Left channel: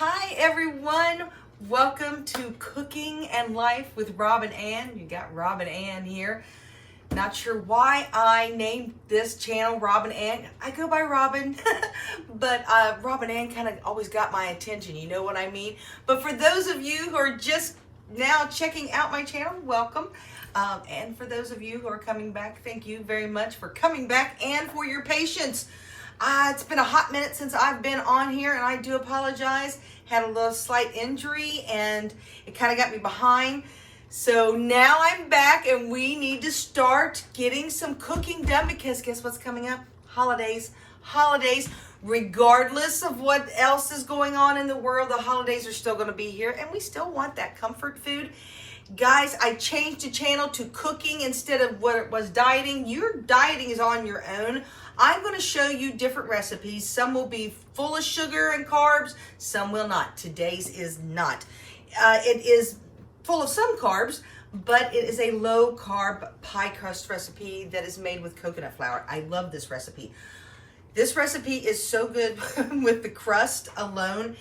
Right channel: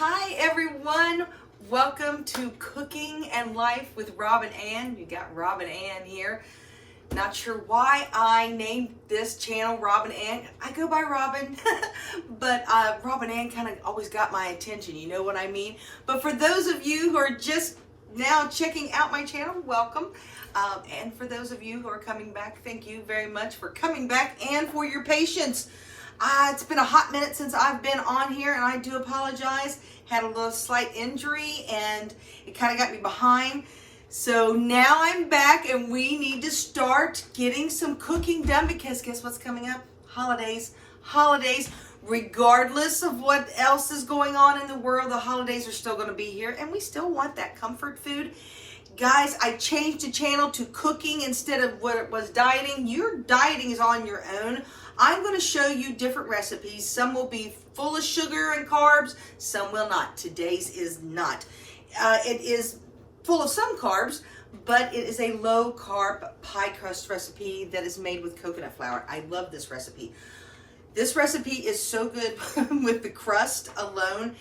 Hi everyone, welcome to Cooking and Life with Rob and Ann. You got Rob and Ann here. Not sure why I named this channel Rob and Ann. I go by Robin, but Rob and Ann kind of always got my attention, you know what I mean? But for those of you who are just now checking out my channel, welcome. And for those of you who are coming back, thank you very much for coming back and for your patience. It's been a hot minute since I've been on here, and I do apologize. Had a little slight injury, and it kind of got me behind. So now I'm back, and we need to start getting some cooking done, because guess what's coming up? Holidays. Holidays. Regardless of what else is going on in the world, the holidays are still going to be here, and we still want that comfort food. Guys, I changed the channel to cooking instead of what it was dieting. Your dieting is on your own. I'm going to show you different recipes. Some will be full of sugar and carbs, some will not. Today's is not. It is full of some carbs, but it is a low carb pie crust recipe that is made with coconut flour. I love this recipe. This recipe is so good with the crust alone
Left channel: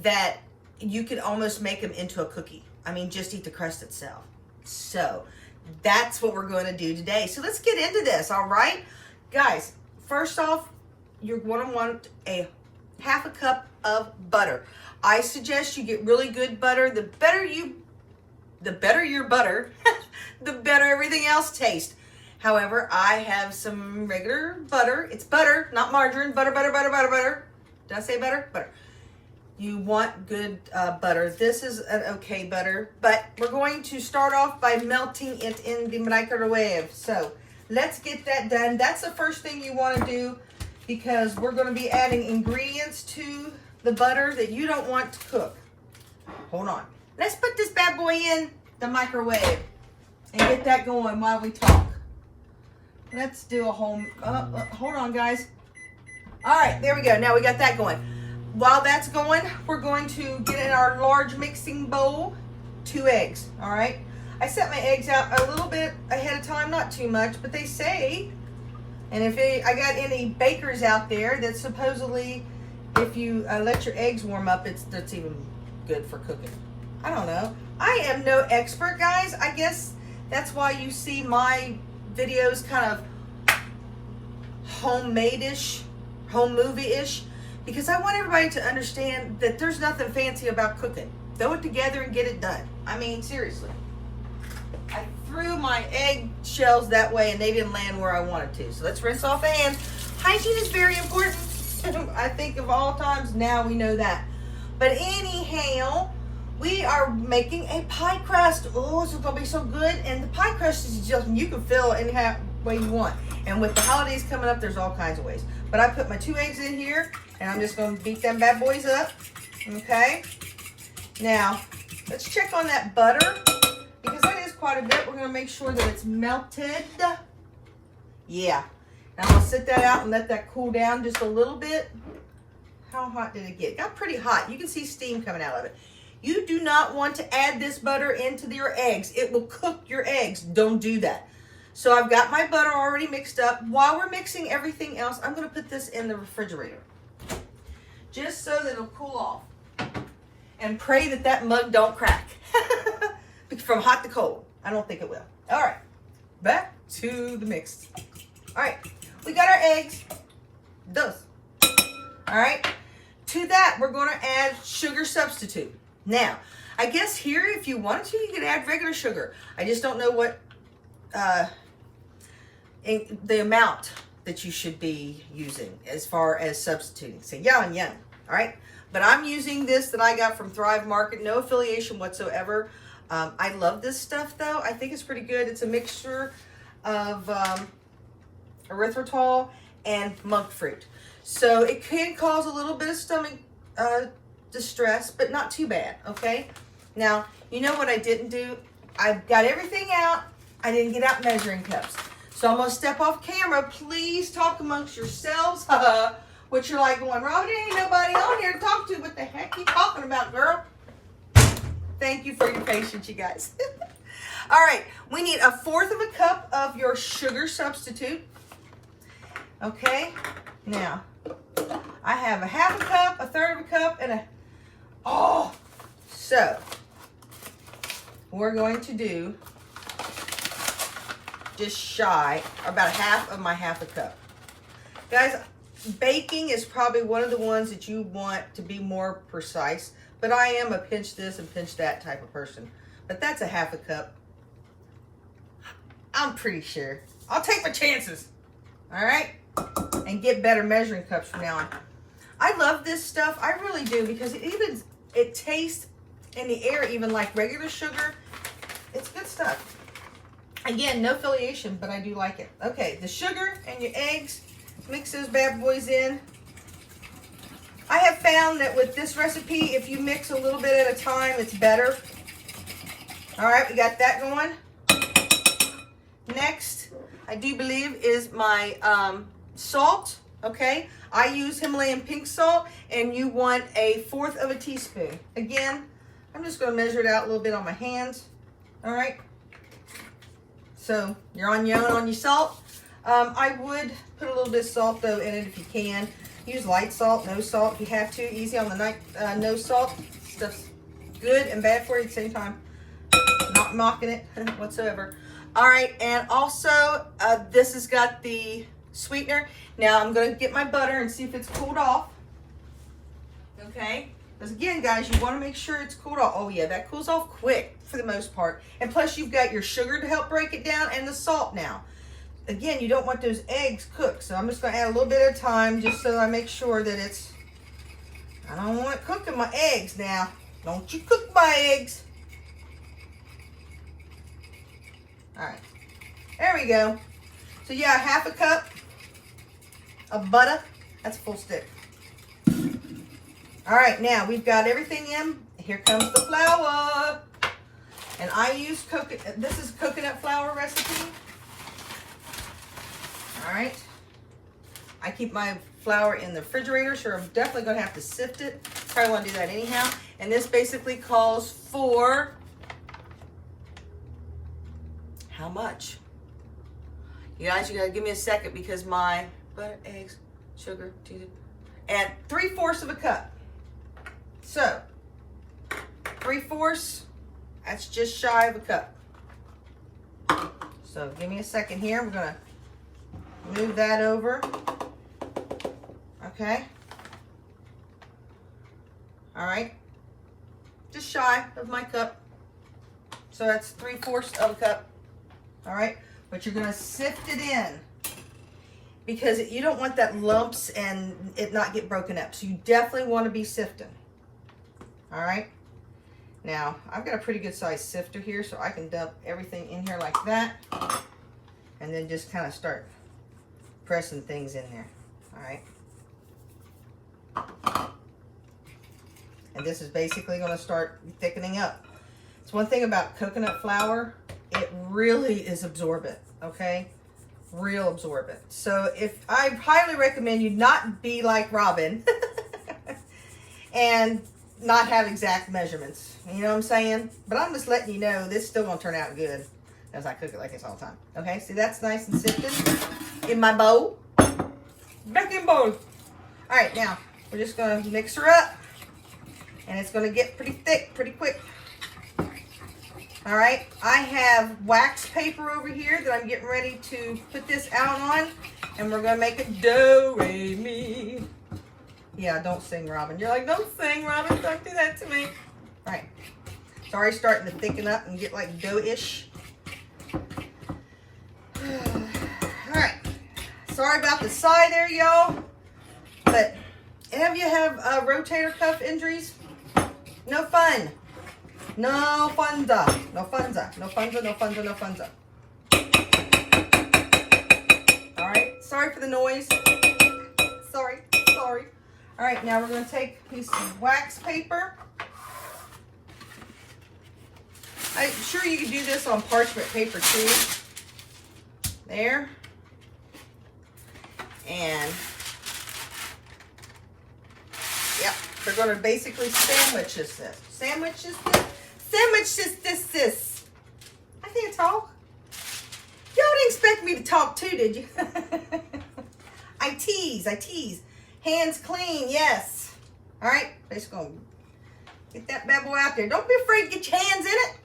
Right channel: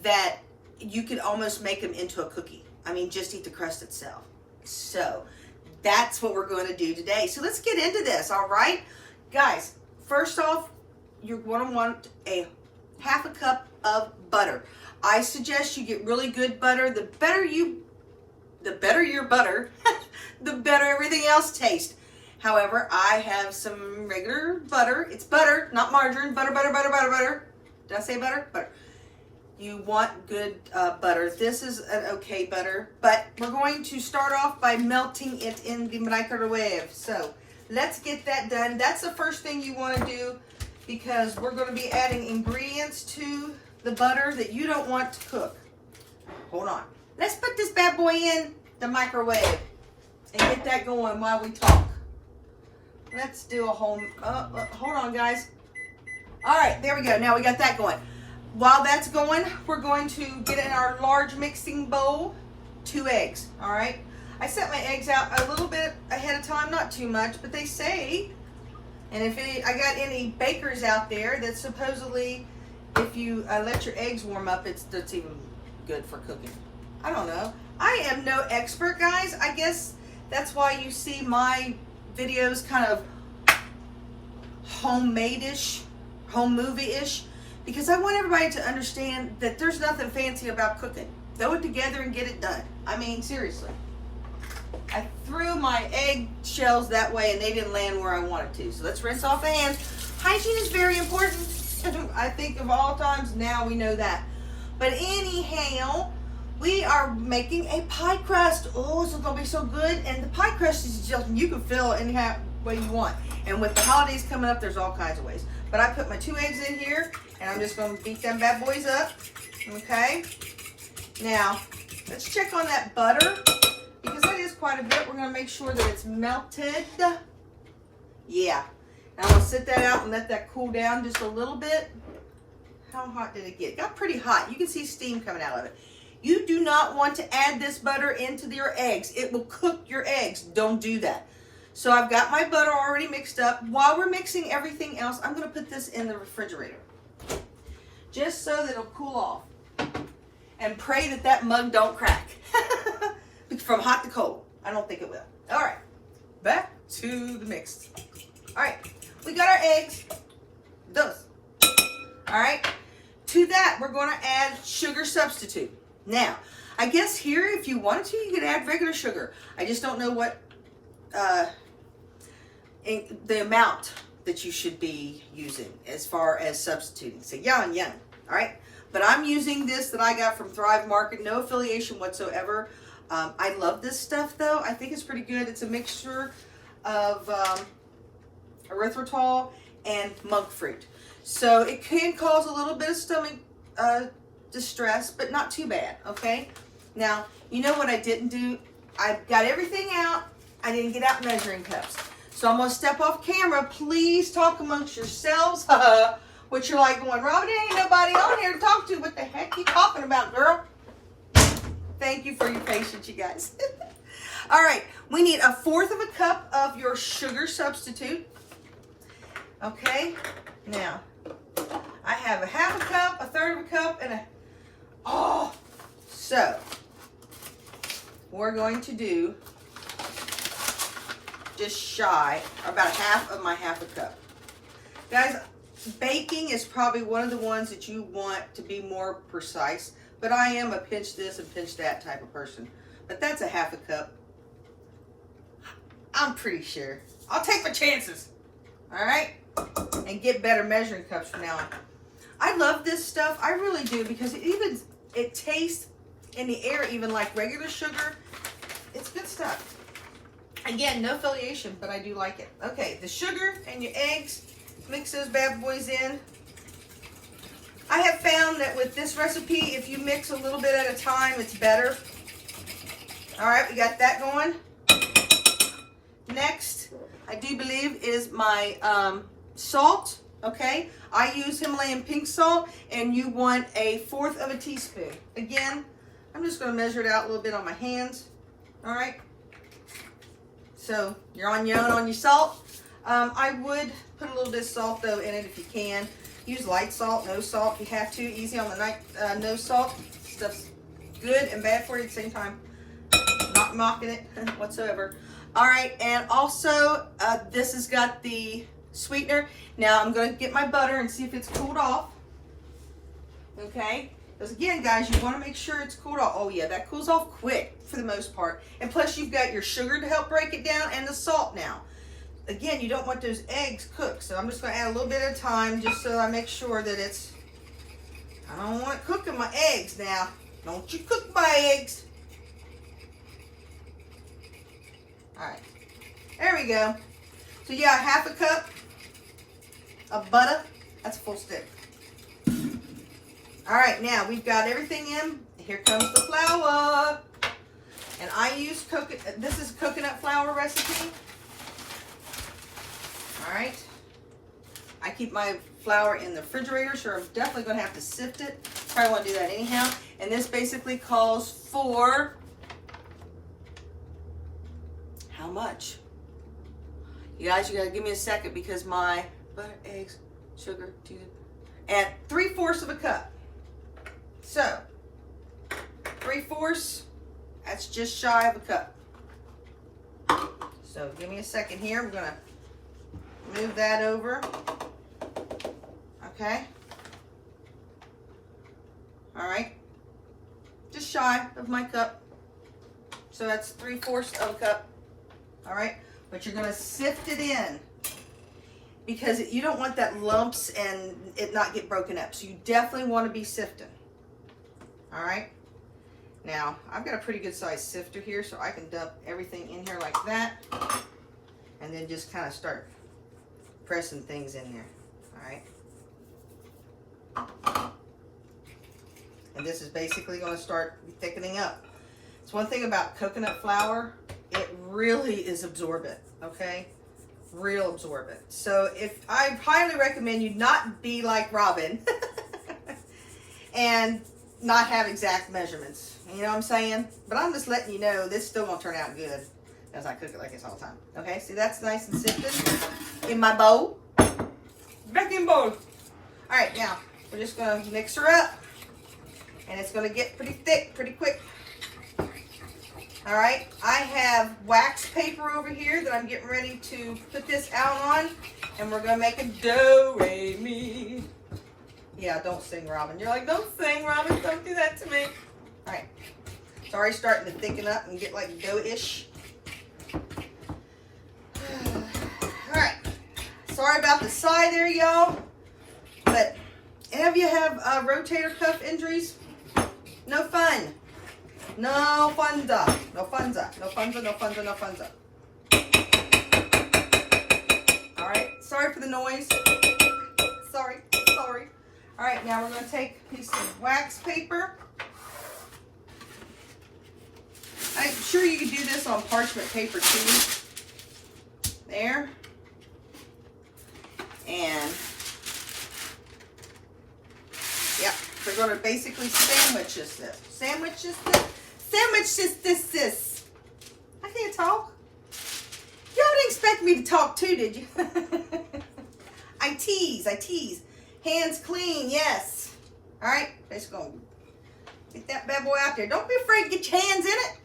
that you could almost make them into a cookie. I mean, just eat the crust itself. So that's what we're going to do today. So let's get into this, all right? Guys, first off, you're going to want a half a cup of butter. I suggest you get really good butter. The better your butter, the better everything else tastes. However, I have some regular butter. It's butter, not margarine. Butter, butter, butter, butter, butter. Did I say butter? Butter. You want good butter. This is an okay butter, but we're going to start off by melting it in the microwave. So let's get that done. That's the first thing you want to do, because we're going to be adding ingredients to the butter that you don't want to cook. Hold on. Let's put this bad boy in the microwave and get that going while we talk. Let's do a whole, hold on guys. All right, there we go. Now we got that going. While that's going, we're going to get in our large mixing bowl 2 eggs, all right? I set my eggs out a little bit ahead of time, not too much, but they say, and if I got any bakers out there that supposedly if you let your eggs warm up, that's even good for cooking. I don't know. I am no expert, guys. I guess that's why you see my videos kind of homemade-ish, home movie-ish, because I want everybody to understand that there's nothing fancy about cooking. Throw it together and get it done. I mean, seriously. I threw my egg shells that way and they didn't land where I wanted to. So let's rinse off the hands. Hygiene is very important. I think of all times now we know that. But anyhow, we are making a pie crust. Oh, this is going to be so good. And the pie crust is just, you can fill it any way you want. And with the holidays coming up, there's all kinds of ways. But I put my 2 eggs in here, and I'm just going to beat them bad boys up. Okay? Now, let's check on that butter, because it is quite a bit. We're going to make sure that it's melted. Yeah. Now, I'm going to sit that out and let that cool down just a little bit. How hot did it get? It got pretty hot. You can see steam coming out of it. You do not want to add this butter into your eggs. It will cook your eggs. Don't do that. So I've got my butter already mixed up. While we're mixing everything else, I'm going to put this in the refrigerator, just so that it'll cool off. And pray that that mug don't crack from hot to cold. I don't think it will. All right, back to the mix. All right, we got our eggs. Those. All right, to that we're going to add sugar substitute. Now, I guess here, if you wanted to, you could add regular sugar. I just don't know what the amount that you should be using as far as substituting. So yum, yum. All right, but I'm using this that I got from Thrive Market. No affiliation whatsoever. I love this stuff though. I think it's pretty good. It's a mixture of erythritol and monk fruit, so it can cause a little bit of stomach distress, but not too bad. Okay, now you know what I didn't do? I got everything out. I didn't get out measuring cups. So I'm going to step off camera. Please talk amongst yourselves. What you're like going, Robin, there ain't nobody on here to talk to. What the heck you talking about, girl? Thank you for your patience, you guys. All right. We need 1/4 cup of your sugar substitute. Okay. Now, I have 1/2 cup, 1/3 cup, and So we're going to do just shy, about half of my half a cup. Guys, baking is probably one of the ones that you want to be more precise, but I am a pinch this and pinch that type of person. But that's a half a cup. I'm pretty sure. I'll take my chances. All right? And get better measuring cups from now on. I love this stuff. I really do, because it tastes in the air even like regular sugar. It's good stuff. Again, no affiliation, but I do like it. Okay, the sugar and your eggs. Mix those bad boys in. I have found that with this recipe, if you mix a little bit at a time, it's better. All right, we got that going. Next, I do believe is my salt, okay? I use Himalayan pink salt, and you want 1/4 of a teaspoon. Again, I'm just gonna measure it out a little bit on my hands, all right? So you're on your own on your salt. I would put a little bit of salt though in it if you can. Use light salt, no salt if you have to. Easy on the night, no salt. Stuff's good and bad for you at the same time. Not mocking it whatsoever. All right, and also this has got the sweetener. Now I'm going to get my butter and see if it's cooled off. Okay, because again, guys, you want to make sure it's cooled off. Oh yeah, that cools off quick for the most part. And plus you've got your sugar to help break it down and the salt now. Again, you don't want those eggs cooked, so I'm just going to add a little bit at a time just so I make sure that it's, I don't want cooking my eggs now. Don't you cook my eggs. All right, there we go. So yeah, 1/2 cup of butter. That's a full stick. All right, now we've got everything in. Here comes the flour. And I use this is a coconut flour recipe. All right. I keep my flour in the refrigerator, so I'm definitely going to have to sift it. Probably want to do that anyhow. And this basically calls for how much? You guys, you got to give me a second because my butter, eggs, sugar, and 3/4 of a cup. So 3/4, that's just shy of a cup. So give me a second here. We're going to move that over. Okay. All right. Just shy of my cup. So that's 3/4 of a cup. All right. But you're going to sift it in because you don't want that lumps and it not get broken up. So you definitely want to be sifting. All right. Now, I've got a pretty good size sifter here, so I can dump everything in here like that. And then just kind of start pressing things in there. All right. And this is basically going to start thickening up. It's one thing about coconut flour, it really is absorbent, okay? Real absorbent. So I highly recommend you not be like Robin and not have exact measurements. You know what I'm saying? But I'm just letting you know this still gonna turn out good as I cook it like this all the time. Okay, see that's nice and sifted in my bowl. Baking bowl. All right, now we're just gonna mix her up and it's gonna get pretty thick pretty quick. All right, I have wax paper over here that I'm getting ready to put this out on, and we're gonna make a do-re-mi. Yeah, don't sing, Robin. You're like, don't sing, Robin. Don't do that to me. All right, it's already starting to thicken up and get like dough-ish. All right, sorry about the sigh there, y'all. But have you have rotator cuff injuries? No fun. No funza, no funza, no funza, no funza, no funza. All right, sorry for the noise. Sorry. All right, now we're gonna take a piece of wax paper. I'm sure you can do this on parchment paper too. There. And, yeah, they're gonna basically sandwich this. This. I can't talk. Y'all didn't expect me to talk too, did you? I tease. Hands clean, yes. All right, just gonna Get that bad boy out there. Don't be afraid to get your hands in it.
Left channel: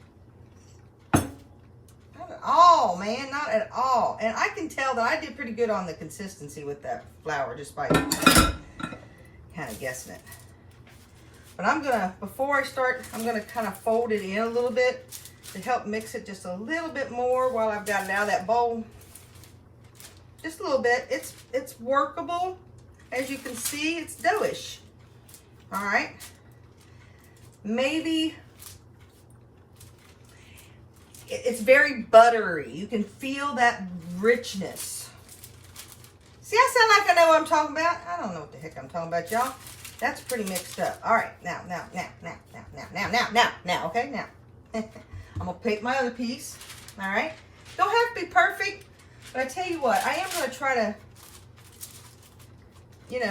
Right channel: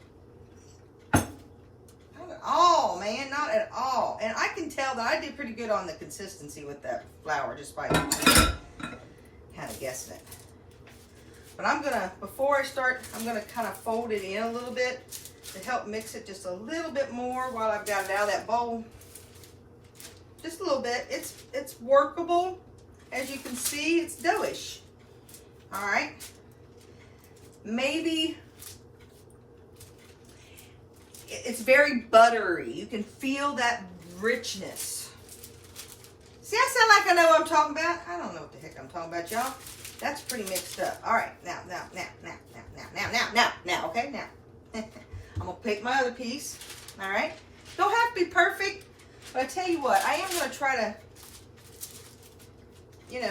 Not at all, man. Not at all. And I can tell that I did pretty good on the consistency with that flour, just by kind of guessing it. But I'm going to, before I start, I'm going to kind of fold it in a little bit to help mix it just a little bit more while I've got it out of that bowl. Just a little bit. It's workable. As you can see, it's doughish. All right. Maybe it's very buttery. You can feel that richness. See, I sound like I know what I'm talking about. I don't know what the heck I'm talking about, y'all. That's pretty mixed up. All right, now, okay, now. I'm gonna pick my other piece. All right. Don't have to be perfect, but I tell you what, I am gonna try to,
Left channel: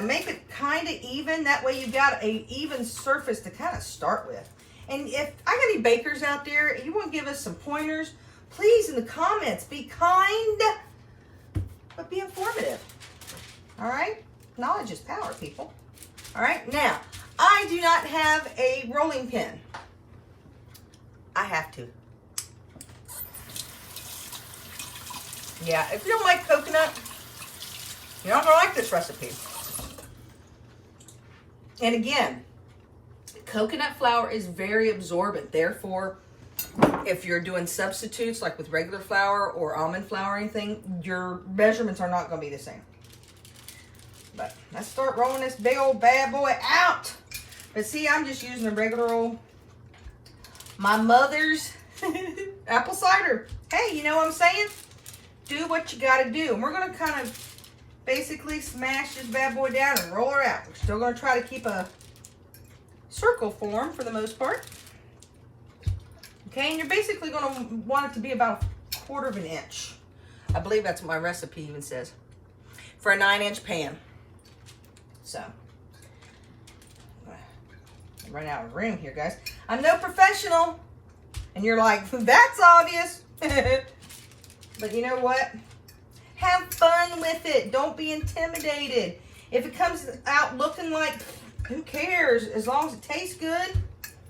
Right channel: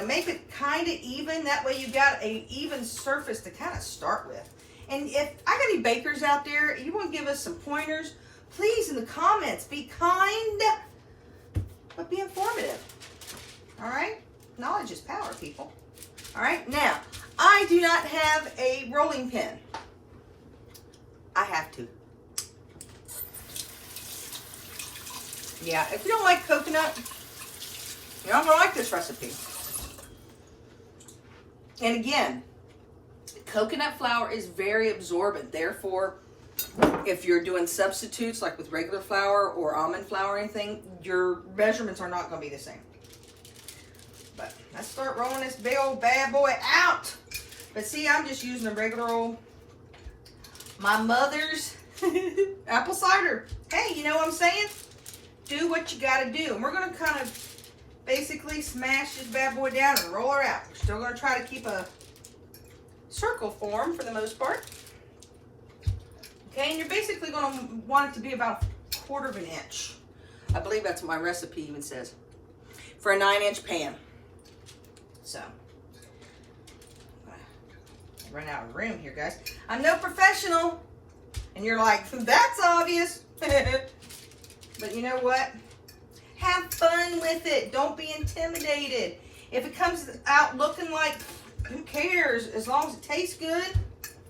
make it kind of even. That way you've got a even surface to kind of start with. And if I got any bakers out there, you want to give us some pointers, please in the comments. Be kind, but be informative. All right? Knowledge is power, people. All right? Now, I do not have a rolling pin. I have to. Yeah, if you don't like coconut, you're not going to like this recipe. And again, coconut flour is very absorbent. Therefore, if you're doing substitutes like with regular flour or almond flour or anything, your measurements are not going to be the same. But let's start rolling this big old bad boy out. But see, I'm just using a regular old, my mother's apple cider. Hey, you know what I'm saying? Do what you got to do. And we're going to kind of basically smash this bad boy down and roll her out. We're still going to try to keep a circle form for the most part. Okay, and you're basically going to want it to be about a 1/4 of an inch. I believe that's what my recipe even says. For a 9-inch pan. So, I'm running out of room here, guys. I'm no professional. And you're like, that's obvious. But you know what? Have fun with it. Don't be intimidated. If it comes out looking like, who cares? As long as it tastes good,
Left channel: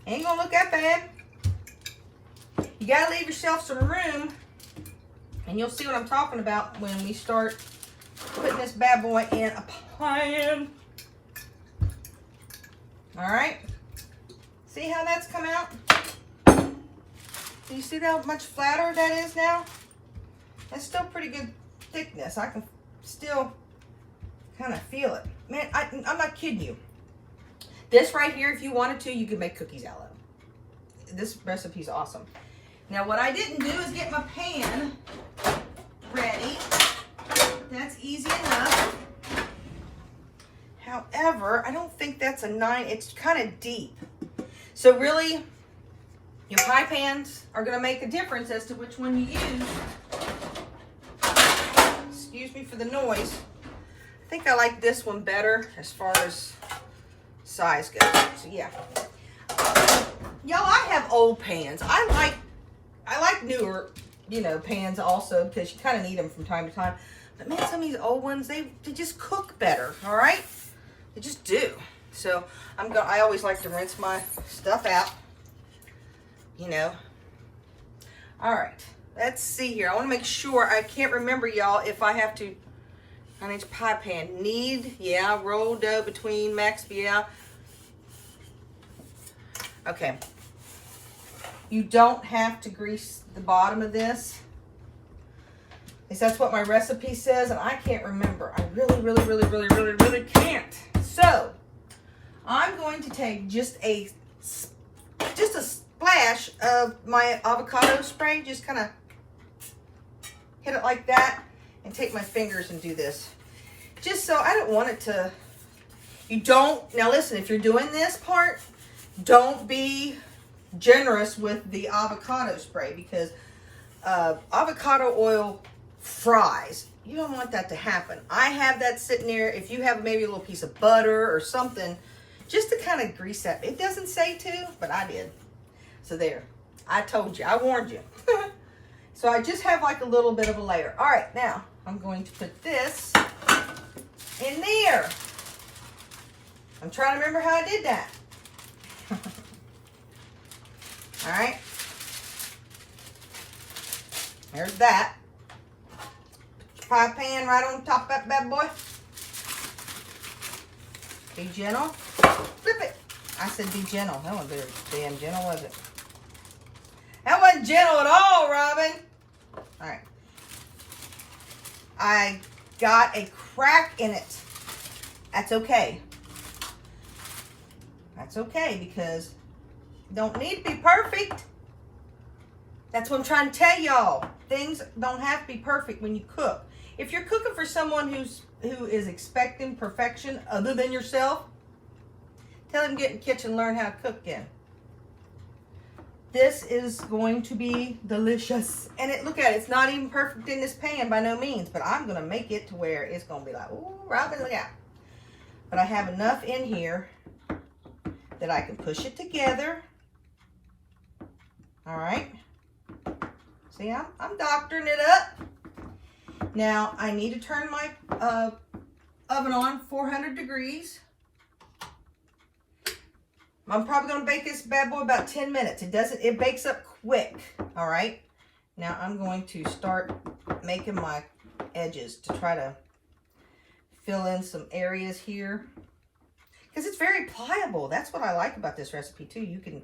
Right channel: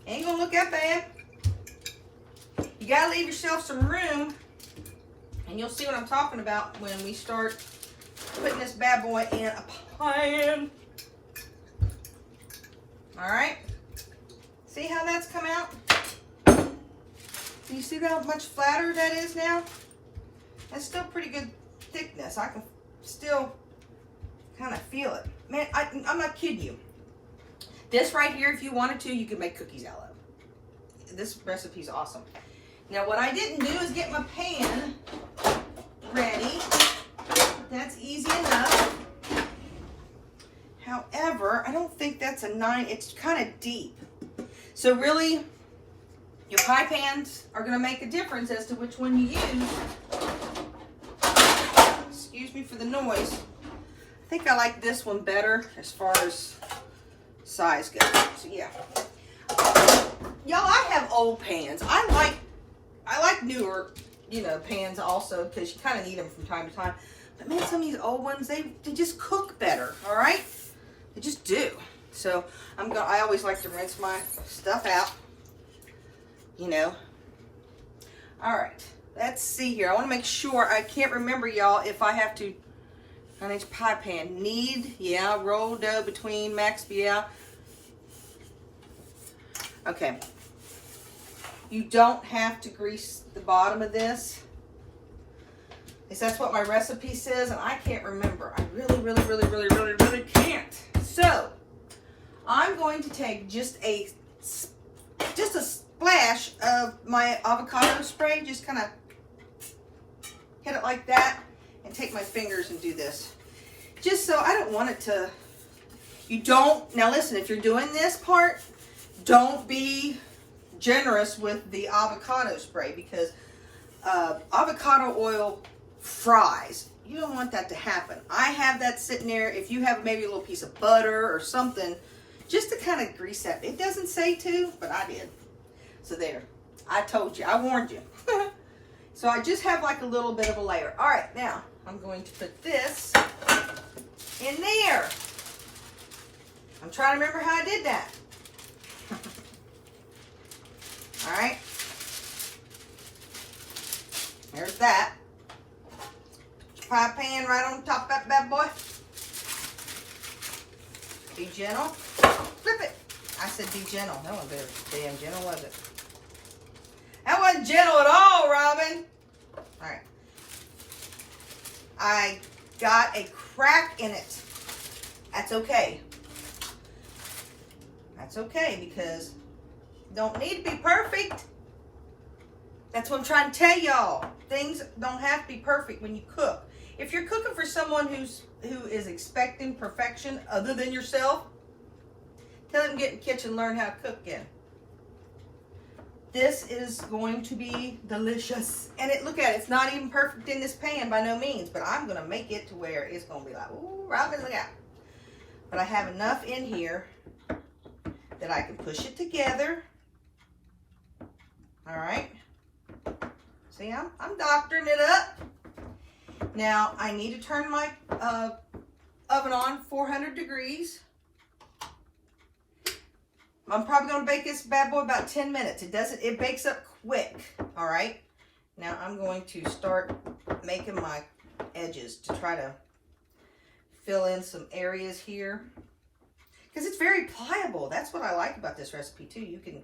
ain't gonna look that bad. You gotta leave yourself some room, and you'll see what I'm talking about when we start putting this bad boy in a pan. All right. See how that's come out? Do you see how much flatter that is now? That's still pretty good thickness. I can still kind of feel it. Man, I'm not kidding you. This right here, if you wanted to, you could make cookies out of. This recipe's awesome. Now, what I didn't do is get my pan ready. That's easy enough. However, I don't think that's a 9. It's kind of deep. So really, your pie pans are going to make a difference as to which one you use. Excuse me for the noise. I think I like this one better as far as size goes. So yeah. Y'all, I have old pans. I like newer, pans also, because you kind of need them from time to time. But man, some of these old ones, they just cook better, all right? They just do. So I always like to rinse my stuff out, All right, let's see here. I want to make sure, I can't remember, y'all, if I have to, 9-inch pie pan. Yeah, roll dough between max, yeah. Okay. You don't have to grease the bottom of this. That's what my recipe says, and I can't remember. I really can't. So, I'm going to take just a splash of my avocado spray, just kind of hit it like that, and take my fingers and do this. Just so, I don't want it to, now listen, if you're doing this part, don't be generous with the avocado spray, because avocado oil fries. You don't want that to happen. I have that sitting there. If you have maybe a little piece of butter or something, just to kind of grease that. It doesn't say to, but I did. So there. I told you. I warned you. So I just have like a little bit of a layer. All right, now I'm going to put this in there. I'm trying to remember how I did that. All right. There's that. Put your pie pan right on top of that bad boy. Be gentle. Flip it. I said be gentle. That wasn't very damn gentle, was it? That wasn't gentle at all, Robin. All right. I got a crack in it. That's okay. That's okay because you don't need to be perfect. That's what I'm trying to tell y'all. Things don't have to be perfect when you cook. If you're cooking for someone who is expecting perfection other than yourself, tell them to get in the kitchen and learn how to cook again. This is going to be delicious. And look at it, it's not even perfect in this pan by no means, but I'm gonna make it to where it's gonna be like, ooh, Robin, look out. But I have enough in here that I can push it together. All right. See, I'm doctoring it up. Now, I need to turn my oven on 400 degrees. I'm probably going to bake this bad boy about 10 minutes. It bakes up quick. All right. Now, I'm going to start making my edges to try to fill in some areas here. Because it's very pliable. That's what I like about this recipe, too. You can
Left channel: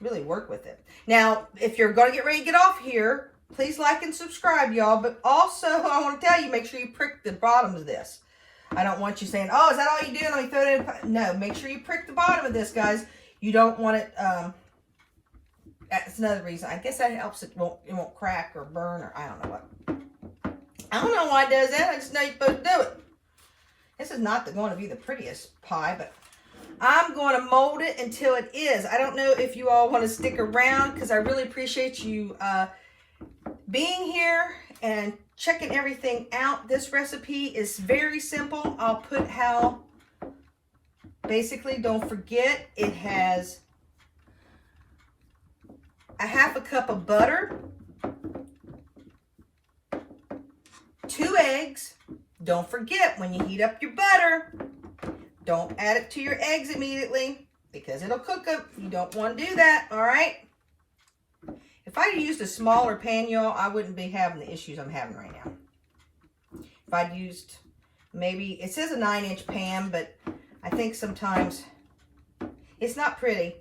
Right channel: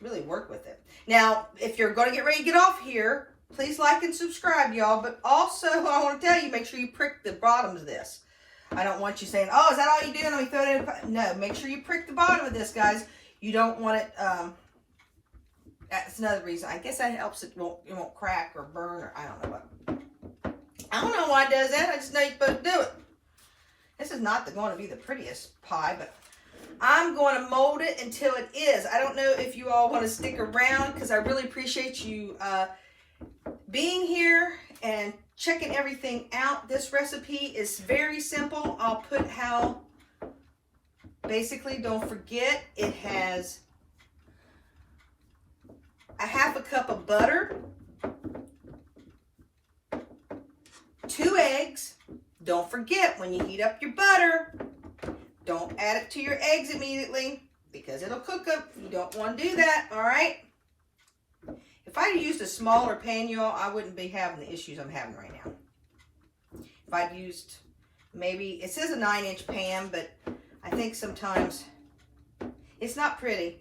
really work with it. Now, if you're going to get ready to get off here, please like and subscribe, y'all. But also, I want to tell you, make sure you prick the bottom of this. I don't want you saying, oh, is that all you do? Let me throw it in. No, make sure you prick the bottom of this, guys. You don't want it, that's another reason. I guess that helps it won't crack or burn or I don't know what. I don't know why it does that. I just know you're supposed to do it. This is not going to be the prettiest pie, but I'm going to mold it until it is. I don't know if you all want to stick around because I really appreciate you being here and checking everything out. This recipe is very simple. I'll put how, basically, don't forget, it has a half a cup of butter, 2 eggs. Don't forget, when you heat up your butter, don't add it to your eggs immediately because it'll cook them. You don't want to do that, all right? If I used a smaller pan, y'all, I wouldn't be having the issues I'm having right now. If I'd used maybe, it says a 9-inch pan, but I think sometimes it's not pretty.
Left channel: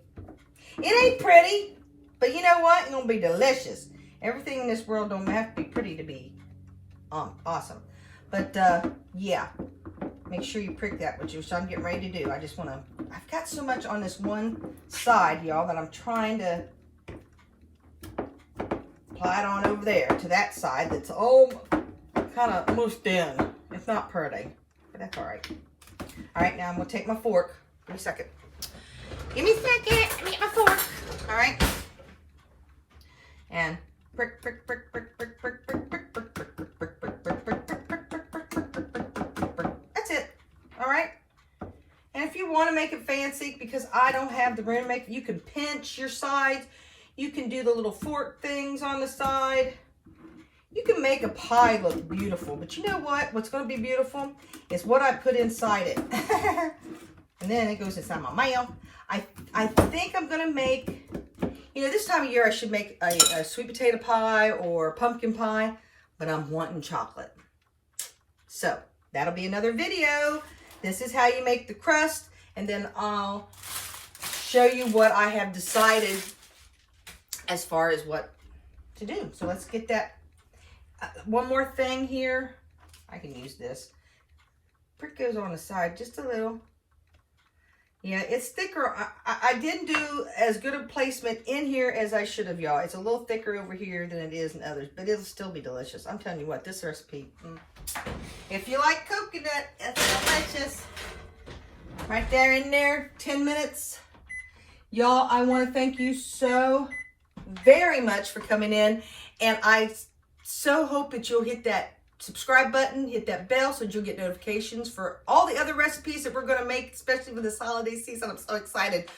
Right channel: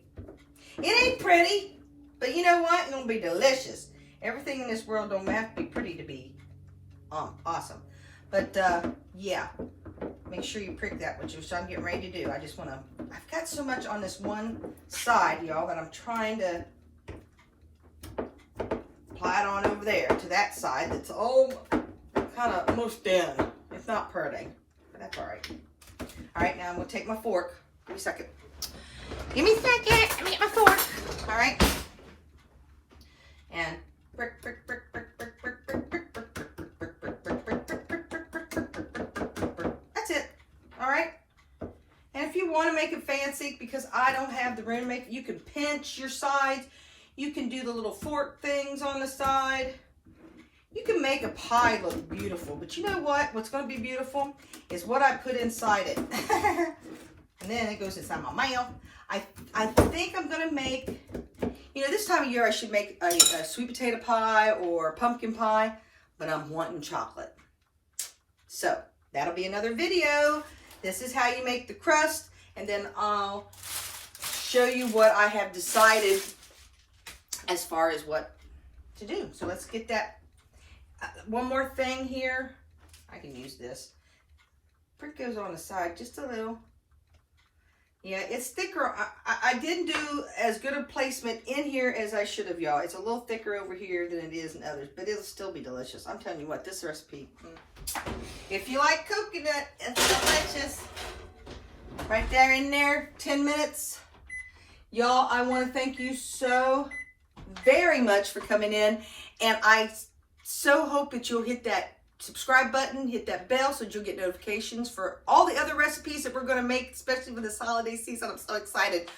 It ain't pretty, but you know what? It's going to be delicious. Everything in this world don't have to be pretty to be awesome. But, yeah. Make sure you prick that, which I'm getting ready to do. I just want to, I've got so much on this one side, y'all, that I'm trying to apply it on over there to that side that's all kind of almost done. It's not pretty, but that's all right. All right, now I'm going to take my fork. Give me a second. Give me a second. Let me get my fork. All right. And prick, prick, prick, prick, prick, prick, prick, prick, prick, prick, prick, prick, prick, prick, prick, prick, prick, prick, prick, prick. That's it. All right. And if you want to make it fancy, because I don't have the room to make it, you can pinch your sides. You can do the little fork things on the side. You can make a pie look beautiful, but you know what? What's going to be beautiful is what I put inside it. And then it goes inside my mouth. I think I'm going to make, you know, this time of year I should make a sweet potato pie or pumpkin pie, but I'm wanting chocolate. So that'll be another video. This is how you make the crust, and then I'll show you what I have decided as far as what to do. So let's get that. One more thing here. I can use this. Prick goes on the side just a little. Yeah, it's thicker. I didn't do as good a placement in here as I should have, y'all. It's a little thicker over here than it is in others, but it'll still be delicious. I'm telling you what, this recipe, if you like coconut, it's delicious. Right there in there, 10 minutes. Y'all, I want to thank you so very much for coming in, and I so hope that you'll hit that subscribe button, hit that bell so that you'll get notifications for all the other recipes that we're going to make, especially for this holiday season. I'm so excited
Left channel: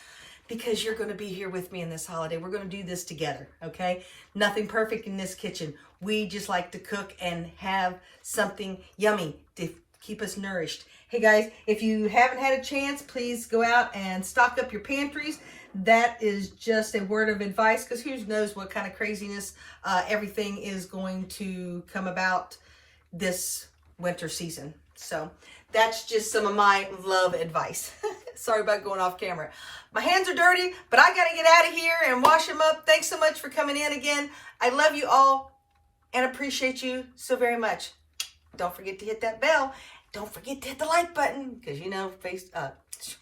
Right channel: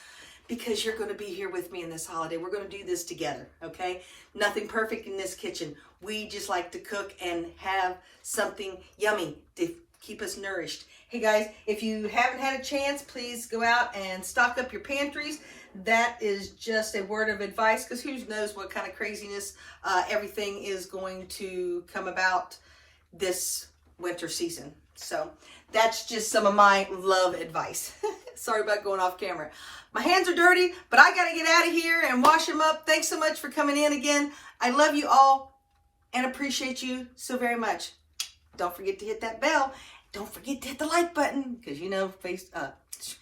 because you're going to be here with me in this holiday. We're going to do this together, okay? Nothing perfect in this kitchen. We just like to cook and have something yummy to keep us nourished. Hey guys, if you haven't had a chance, please go out and stock up your pantries. That is just a word of advice, because who knows what kind of craziness everything is going to come about this winter season. So that's just some of my love advice. Sorry about going off camera. My hands are dirty, but I got to get out of here and wash them up. Thanks so much for coming in again. I love you all and appreciate you so very much. Don't forget to hit that bell. Don't forget to hit the like button, because you know,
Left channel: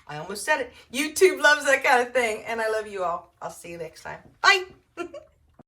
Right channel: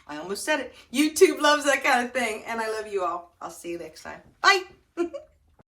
I almost said it. YouTube loves that kind of thing, and I love you all. I'll see you next time. Bye.